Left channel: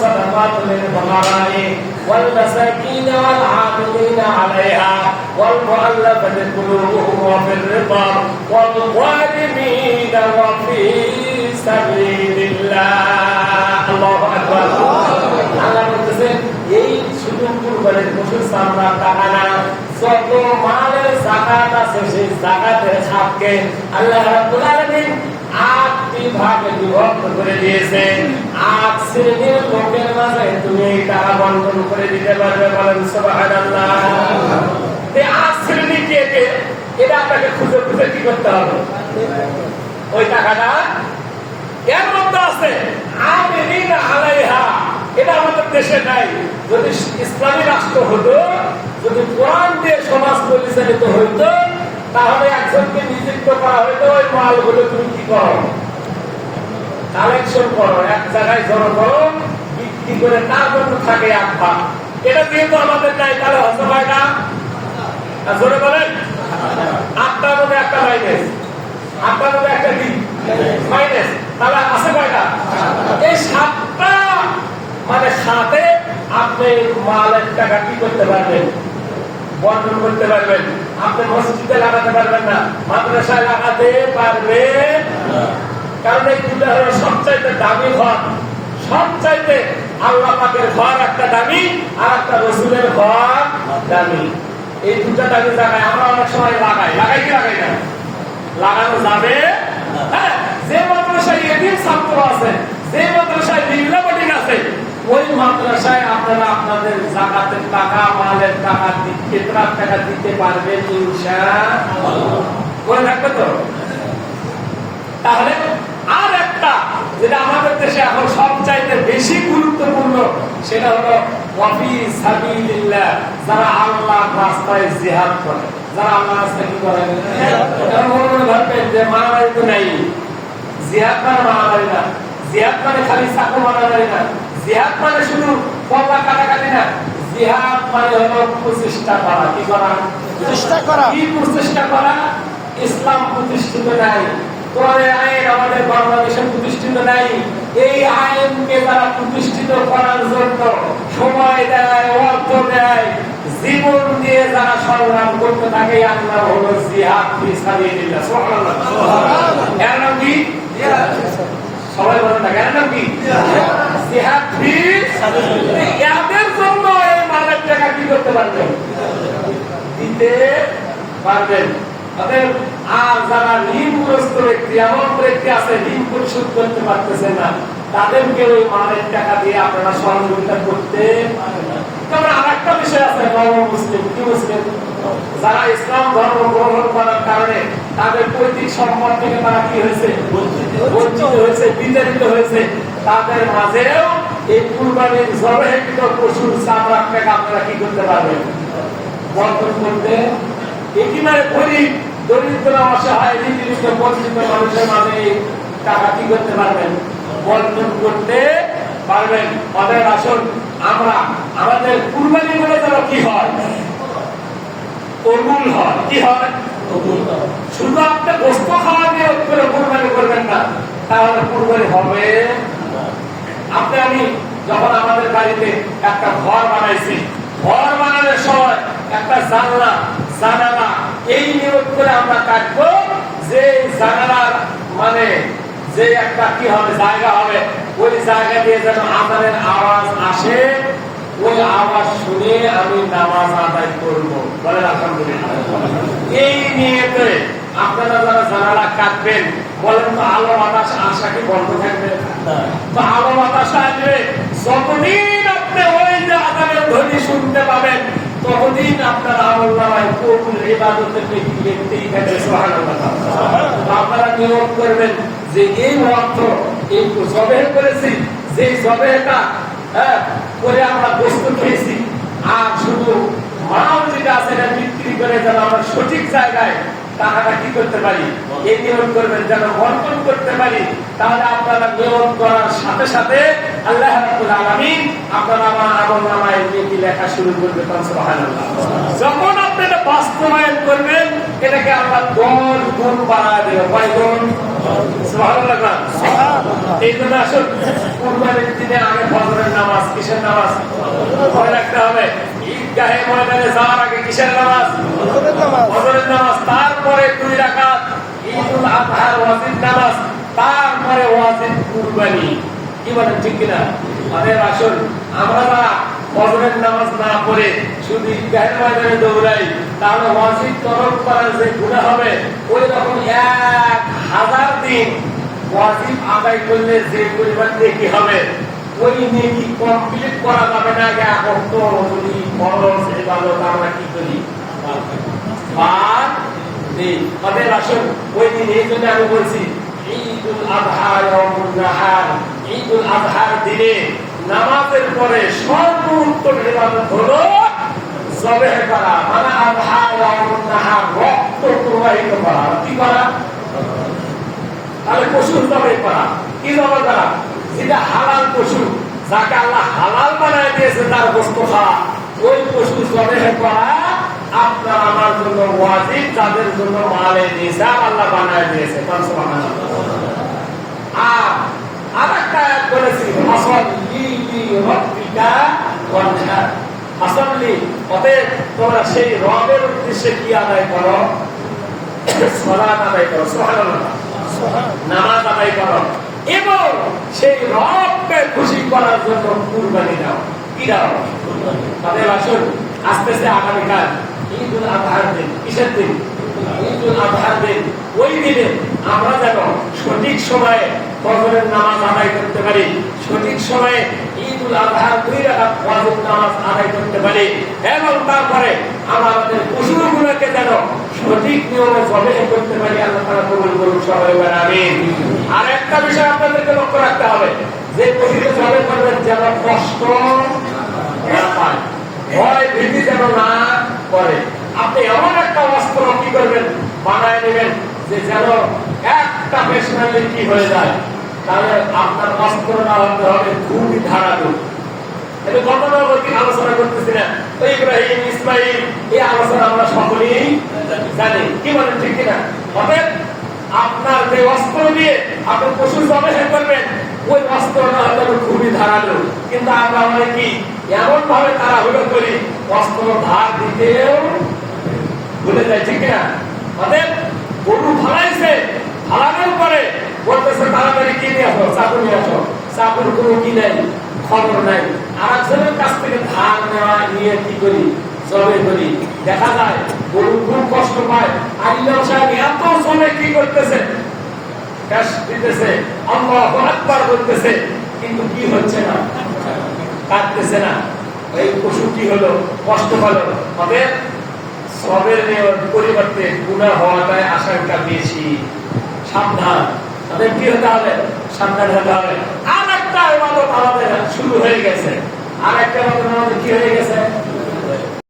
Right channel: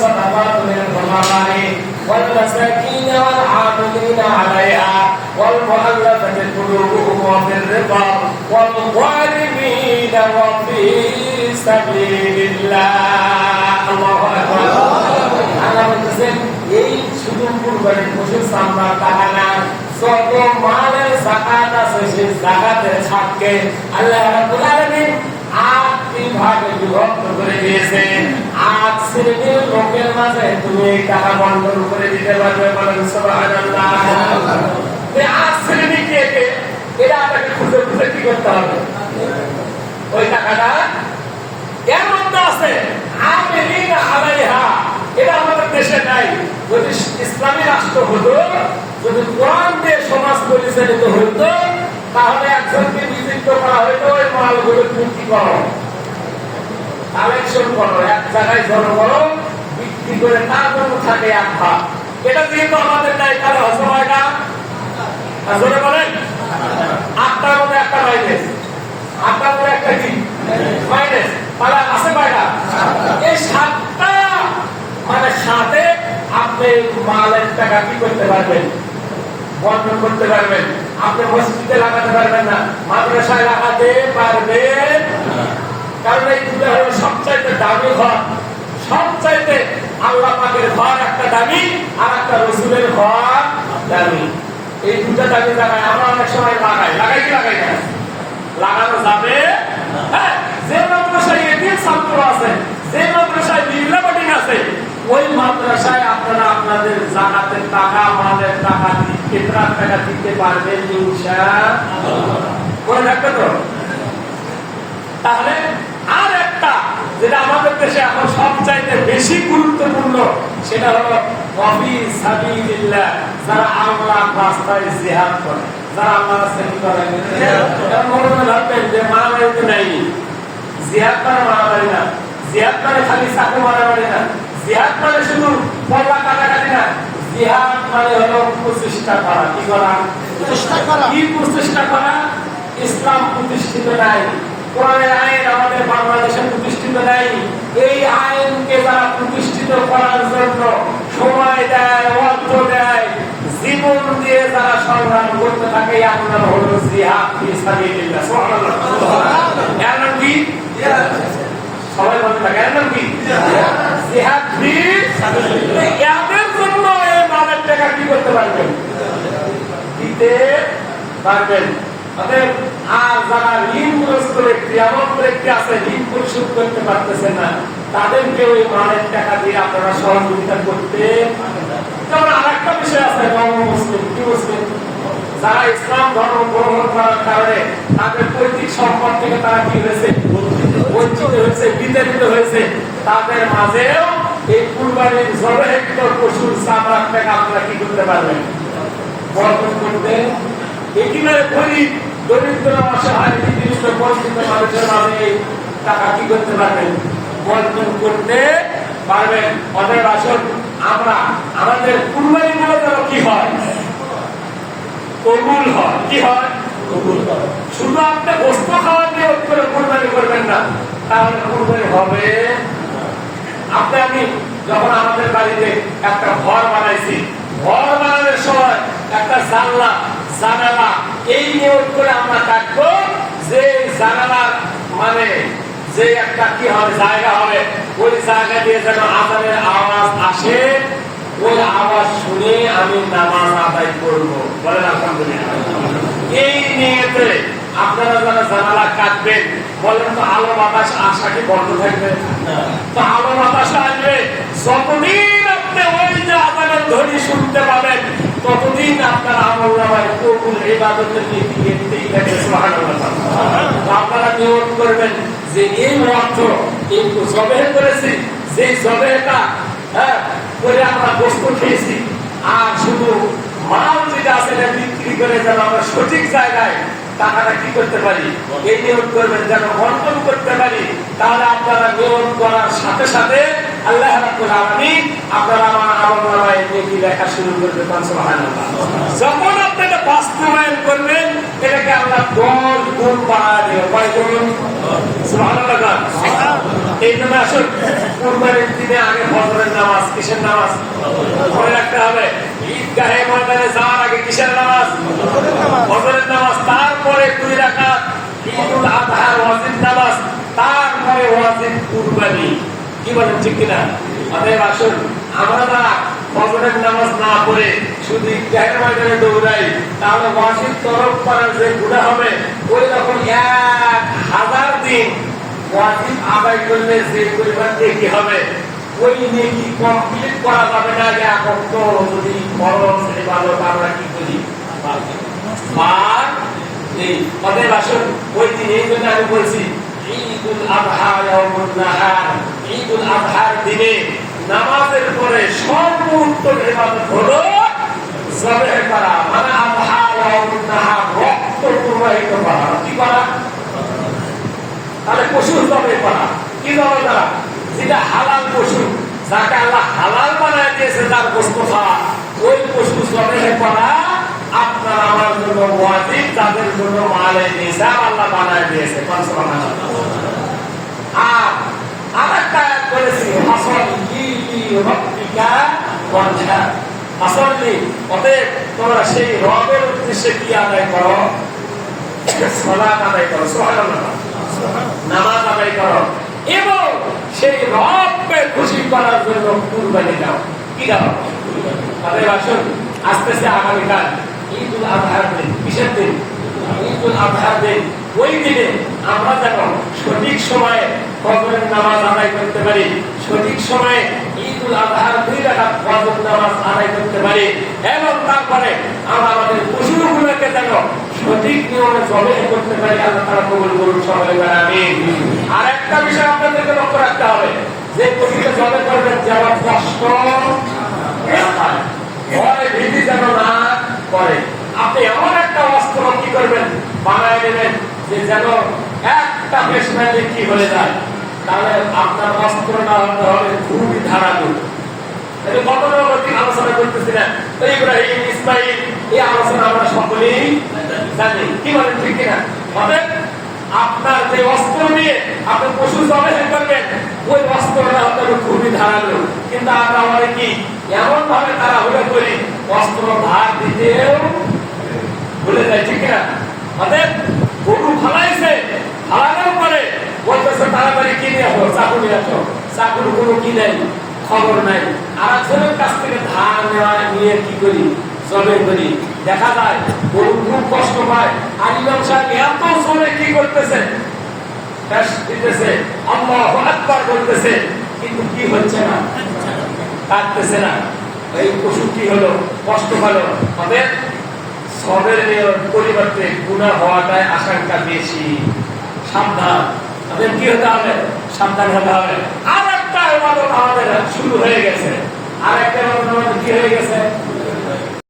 والصدقات للفقراء والمساكين والعاملين عليها والمؤلفة قلوبهم وفي الرقاب والغارمين وفي سبيل الله الله أكبر আল্লাহ বলতেছেন এই শুধু কুরবানির পশুর সামরার টাকা না যত মালের যাকাত আছে সেই যাকাতের হককে আল্লাহ রাব্বুল আলামিন 8টি ভাগে বিভক্ত করে দিয়েছেন। 8 শ্রেণীর লোকের মাঝে তুমি এই টাকা বন্টন করে দিতে পারবে, বলেন সুবহানাল্লাহ। এই 8 শ্রেণী কে কে এটা আপনাকে খুঁজে খুঁজে কি করতে হবে, ওই টাকাটা এর মধ্যে আছে আমিলিনা আলাইহা, এটা আমাদের দেশে নাই। যদি ইসলামী রাষ্ট্র হতো, যদি কোরআন দিয়ে সমাজ পরিচালিত হইতো, তাহলে একজনকে নিযুক্ত করা হইতো, ওই মালগুলো তুমি কি করো, কালেকশন করো, এক জায়গায় জড়ো করো, বিক্রি করে তার জন্য থাকে এক ভাগ। এটা যেহেতু আমাদের নাই, তাহলে হচ্ছে কয়টা? জোরে বলেন, 8টার মধ্যে একটা মাইনাস, 8টার মধ্যে একটা কি মাইনাস, তাহলে আছে কয়টা? এই 7টা মানে 7-এ আপনি মালের টাকা কি করতে পারবেন, বন্টন করতে পারবেন। আপনি মসজিদে লাগাতে পারবেন না, মাদ্রাসায় লাগাতে পারবেন, কারণ এই দুটো হলো সবচাইতে দামি ঘর। সবচাইতে আল্লাহ পাকের ঘর একটা দামি, আর একটা রসুলের ঘর দামি। এই দুটা দামি জায়গায় আমরা অনেক সময় লাগাই কি লাগাই না, লাগানো যাবে। হ্যাঁ, যে মাদ্রাসায় এদিন ছাত্র আছে, যে মাদ্রাসায় বিল্লা বোর্ডিং আছে, ওই মাদ্রাসায় আপনারা আপনাদের যাকাতের টাকা, মালের টাকা, ফিতরার টাকা দিতে পারবেন ইনশাআল্লাহ। মনে থাকবে তো? তাহলে আর একটা যেটা আমাদের দেশে এখন সবচাইতে বেশি গুরুত্বপূর্ণ, সেটা হলো ওয়াফি সাবিলিল্লাহ, যারা আল্লাহর রাস্তায় জিহাদ করে, যারা আল্লাহর রাস্তায় কি করে। এখন মনে ভাববেন যে মারামারি তো নাই, জিহাদ মানে মারামারি না, জিহাদ মানে খালি চাকু মারামারি না, জিহাদ মানে শুধু পল্লা কাটাকাটি না, জিহাদ মানে হলো প্রচেষ্টা করা। কি করা? কি প্রচেষ্টা করা? ইসলাম প্রতিষ্ঠিত নাই, কোরআনের আইন আমাদের বাংলাদেশে প্রতিষ্ঠিত নাই। এই আইনকে যারা প্রতিষ্ঠিত করার জন্য সময় দেয়, অর্থ দেয়, জীবন দিয়ে যারা সংগ্রাম করতে থাকে, এর নাম হলো জিহাদ ফি সাবিলিল্লাহ। সুবহানাল্লাহ। এর নাম কি? সবাই বলে থাকে, এর নাম কি? জিহাদ ফি সাবিলিল্লাহ। এদের জন্য এই মালের টাকা কি করতে পারবেন, দিতে পারবেন। আর যারা ঋণগ্রস্ত ব্যক্তি, এমন ব্যক্তি আছে ঋণ পরিশোধ করতে পারতেছে না, তাদেরকে ওই মালের টাকা দিয়ে আপনারা সহযোগিতা করতে। যেমন আর একটা বিষয় আছে, মুসলিম কি মুসলিম যারা ইসলাম ধর্ম গ্রহণ করার কারণে তাদের পৈতৃক সম্পদ থেকে তারা কি হয়েছে, বঞ্চিত হয়েছে, বিতাড়িত হয়েছে, তাদের মাঝেও এই কুরবানির জবাহকৃত পশুর চামড়ার টাকা আপনারা কি করতে পারবেন, বন্টন করতে। একেবারে গরিব, দরিদ্র, অসহায়, নিপীড়িত, বঞ্চিত মানুষের মাঝে এই টাকা কি করতে পারবেন, বন্টন করতে পারবেন। অতএব আসুন আমরা আমাদের কুরবানি গুলো যেন কি হয়, কবুল হয়। কি হয়? শুধু আপনি বস্তু খাওয়া দিয়ে করে কুরবানি করবেন না, তাহলে কুরবানি হবে। আপনি আমি যখন আমাদের বাড়িতে একটা ঘর বানাইছি, ঘর বানানোর সময় একটা জানালা এই নিয়োগ করে আমরা কাটবো, যে জানালার মানে যে একটা কি হবে, জায়গা হবে, ওই জায়গা দিয়ে যেন আযানের আওয়াজ আসে, ওই আওয়াজ শুনে আমি নামাজ আদায় করবো, বলেন আলহামদুলিল্লাহ। এই নিয়েতে আপনারা যারা জানালা কাটবেন, বলেন তো আলো বাতাস আসা কি বন্ধ থাকবে? তো আলো বাতাস আসবে, যতদিন আপনি ওই যে আযানের ধ্বনি শুনতে পাবেন, ততদিন আপনার আমলনামায় কবুল ইবাদতের নেকি লিখতেই থাকে। সুবহানাল্লাহ। আপনারা নিয়ত করবেন যে এই অর্থ এই জবেহ করেছি, যে জবেহটা করে আমরা বস্তু খেয়েছি, আর শুধু মাল যেটা আছে এটা বিক্রি করে যেন আমরা সঠিক জায়গায় টাকাটা কি করতে পারি, এই নিয়ত করবেন, যেন বন্টন করতে পারি। তাহলে আপনারা নিয়ত করার সাথে সাথে আল্লাহ রাব্বুল আলামিন আপনারা আমার আমলনামায় নেকি লেখা শুরু করবে। সুবহানাল্লাহ। যখন আপনি এটা বাস্তবায়ন করবেন, এটাকে আল্লাহ 10 গুণ বাড়ায় দেবে। কয় গুণ? সুবহানাল্লাহ। এই জন্য আসুন কুরবানির দিনে আগে ফজরের নামাজ, কিসের নামাজ মনে রাখতে হবে। ঈদগাহে ময়দানে যাওয়ার আগে কিসের নামাজ? ফজরের নামাজ। তারপরে 2 রাকাত ঈদুল আজহার ওয়াজিব নামাজ, তারপরে ওয়াজিব কুরবানি। কি বলেন, ঠিক কিনা? অতএব আসুন আমরা যারা ফজরের নামাজ না পড়ে শুধু ঈদগাহের ময়দানে দৌড়াই, তাহলে ওয়াজিব তরক করার যে গুনাহ হবে ওই রকম 1000 দিন ওয়াজিব আদায় করলে যে পরিমাণ নেকি হবে ওই নেকি কমপ্লিট করা যাবে না। এখন তো যদি ফরজ ইবাদত আমরা কি করি বার নেই। অতএব আসুন ওই দিন, এই জন্য আমি বলছি ঈদুল আযহা ইয়াউমুন নাহার, ঈদুল আযহার দিনে নামাজের পরে সর্বোত্তম ইবাদত হলো জবেহ করা, মানে আযহা ইয়াউমুন নাহার, রক্ত প্রবাহিত করা। কি করা? তাহলে পশু জবে করা। কি জবে করা? যেটা হালাল পশু, যাকে আল্লাহ হালাল বানায় দিয়েছে, তার গোশত খাওয়া, ওই পশু জবেহ করা আপনার আমার জন্য ওয়াজিব, তাদের জন্য মালে নিসাব আল্লাহ বানায় দিয়েছে। সুবহানাল্লাহ। আর আরেকটা আয়াত বলেছি ফাসাল্লি লিরাব্বিকা ওয়ানহার, ফাসাল্লি, অতএব তোমরা সেই রবের উদ্দেশ্যে কি আদায় করো? সালাত আদায় করো। সুবহানাল্লাহ। নামাজ আদায় করো এবং সেই রবকে খুশি করার জন্য কুরবানি দাও। কি দাও? তাদের আসুন আস্তে আস্তে আগামীকাল ঈদুল আযহার দিন। কিসের দিন? ঈদুল আযহার দিন। ওই দিনে আমরা যেন সঠিক সময়ে ফজরের নামাজ আদায় করতে পারি, সঠিক সময়ে ঈদুল আযহার 2 রাকাত ওয়াজিব নামাজ আদায় করতে পারি, এবং তারপরে আমরা আমাদের পশুগুলোকে যেন সঠিক নিয়মে জবেহ করতে পারি। আল্লাহ তাআলা কবুল করুন, সবাই বলেন আমিন। আর একটা বিষয় আপনাদেরকে লক্ষ্য রাখতে হবে, যে পশুকে জবেহ করবেন যেন কষ্ট না পায়, ভয় ভীতি যেন না করে। আপনি এমন একটা অস্ত্র কি করবেন, বানায় নেবেন যে যেন একটা পেশনালি কি হয়ে যায়, তাহলে আপনার অস্ত্রটা হতে হবে খুবই ধারালো। এটা গতানুগতিক আলোচনা করতেছি না, ইব্রাহিম ইসমাইল এই আলোচনা আমরা সকলেই জানি। কি বলেন, ঠিক কিনা? অতএব আপনার যে অস্ত্র দিয়ে আপনি পশু জবেহ করবেন, ওই অস্ত্রটা হতে হবে খুবই ধারালো। কিন্তু আমরা অনেকেই এমন ভাবে তাড়াহুড়ো করি, অস্ত্র ধার দিতেও ভুলে যায়। ঠিক কিনা? অতএব গরু ফালাইছে, ফালানোর পরে বলতেছে তাড়াতাড়ি কি নিয়ে আসো, চাকু নিয়ে আসো। চাকুর কোনো কি নেই, খবর নাই। আর একজনের কাছ থেকে ধার নেওয়া নিয়ে কি করি, জবে করি। দেখা যায় গরু খুব কষ্ট পায়, আর ইমাম সাহেব এত জোরে কি করতেছে, দিতেছে, আল্লাহু আকবার বলতেছে, কিন্তু কি হচ্ছে না, কাটতেছে না। এই পশু কি হলো, কষ্ট পেলো। তবে সবের পরিবর্তে গুনাহ হওয়াটাই আশঙ্কা বেশি। সাবধান। তাদের কি হতে হবে, সাবধান হতে হবে। আর একটা ইবাদত আমাদের শুরু হয়ে গেছে, আর একটা ইবাদত আমাদের কি হয়ে গেছে,